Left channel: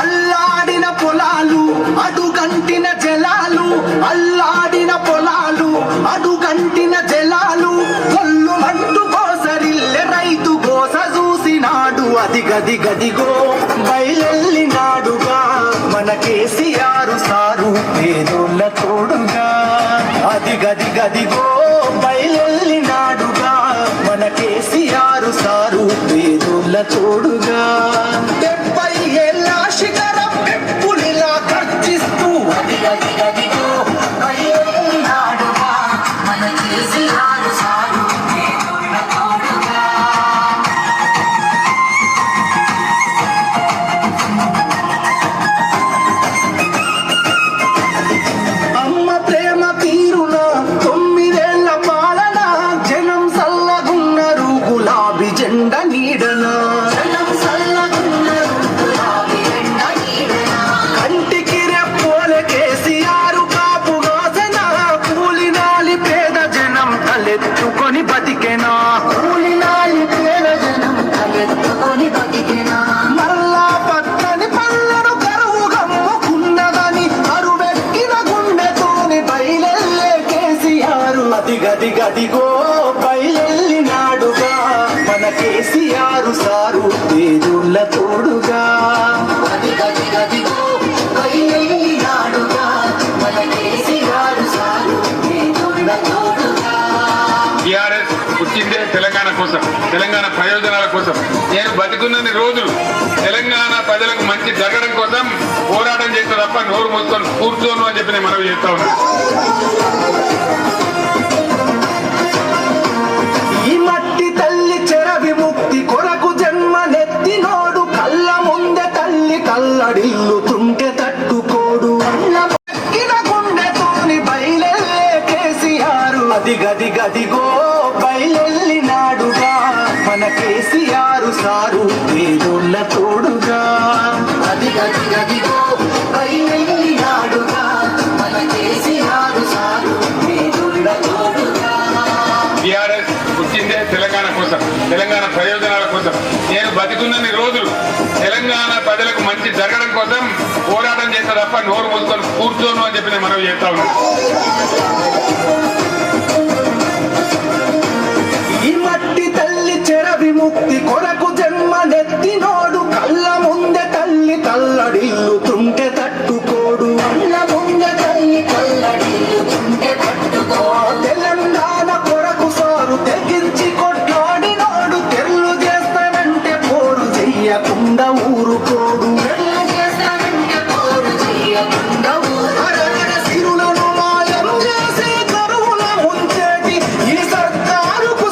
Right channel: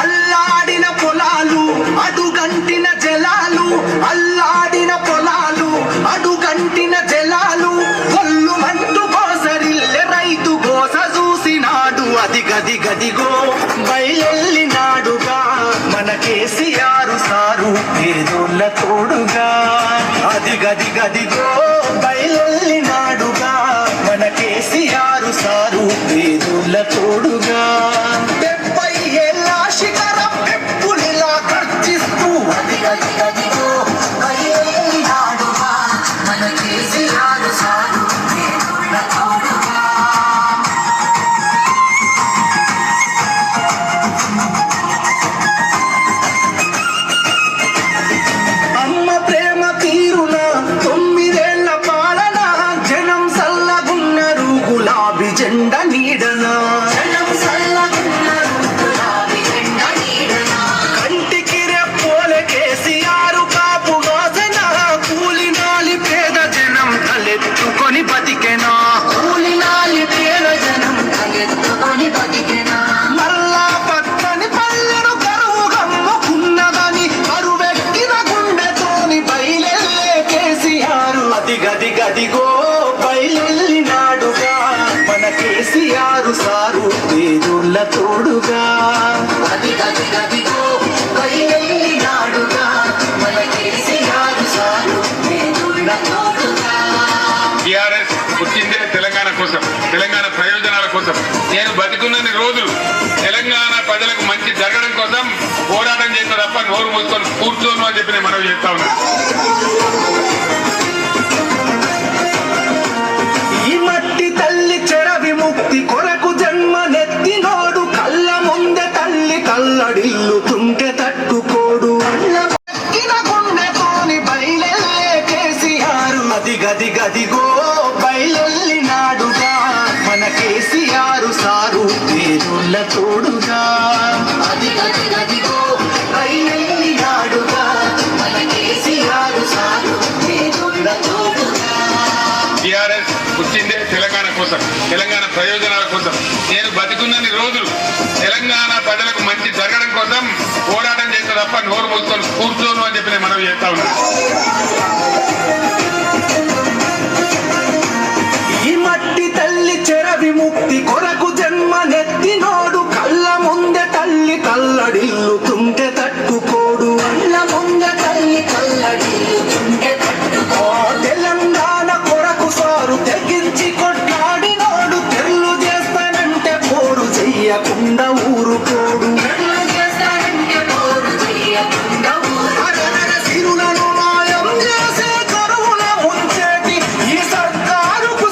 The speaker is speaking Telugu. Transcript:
అల్లాడిన పొలాలు అడుగంటిన జలాలు అల్లాడిన పొలాలు అడుగంటిన జలాలు కొల్లు మంటు కోసరిల్లె రైతు కోస చూసినాడు. అది గది గదిగో బయలెళ్ళినాడుగా మన కేసీఆర్ సారు పేదోళ్ళ తోడుగా. అది గది గదిగో జెండ నీడన? కంటికి రెప్పోలే కేసీఆర్ కాపు వాసన. కూలినాలి పేద జనం తలెత్తుకొని బతికెనా? కూలినాలి పేద జనం తలెత్తుకొని బతికెనా? మల్లా పక్కని పల్లెను కరువు గమ్ముకున్నదని అరువెక్కిన గుండెతోని బయలెల్లే కేసీఆర్. అది గది గదిగో బయలెల్లినాడుగా. మన కేసీఆర్ సారు పేదోళ్ళ తోడుగా. టిఆర్ఎస్ పుట్టిందే తెలంగాణ కోసం తెలంగాణ ప్రయోజనాల కోసం. నేను బతికున్నన్ని రోజులు తెలంగాణ ప్రజలకు మంచి జరగడం కోసం పోరాటం చేస్తే తప్ప నోరు మూసుకొని కూర్చోను అని చెప్పి నేను మనవి చేస్తా గది గది గదిగో బయలెల్లినాడుగా. మన కేసీఆర్ సారు పేరుళ్ళ తోడుగా. గది గది గదిగో బయలెల్లినాడుగా. మన కేసీఆర్ సారు తోడుగా. టిఆర్ఎస్ పుట్టిందే తెలంగాణ కోసం తెలంగాణ ప్రయోజనాల కోసం. నేను బతికున్నన్ని రోజులు తెలంగాణ ప్రజలకు మంచి జరగడం కోసం పోరాటం చేస్తే తప్ప నోరు మూసుకొని కూర్చోను అని చెప్పి నేను మనం చేస్తా ఉన్నాను కల్లడిల్లు తుంటే తట్టుకోడు. అన్న ముంద తల్లి కల్లడిల్లుతుంటే తట్టుకో. తెలంగాణ కొరకు సారు తెగించి కొట్లాడినోడు తెల్లు చేస్తానంటే పోరు చెయ్యకుండా ఊరుకోడు. సిరులను మాయం చేసే కరువున ఉంచేటి ఈ సర్కారుకు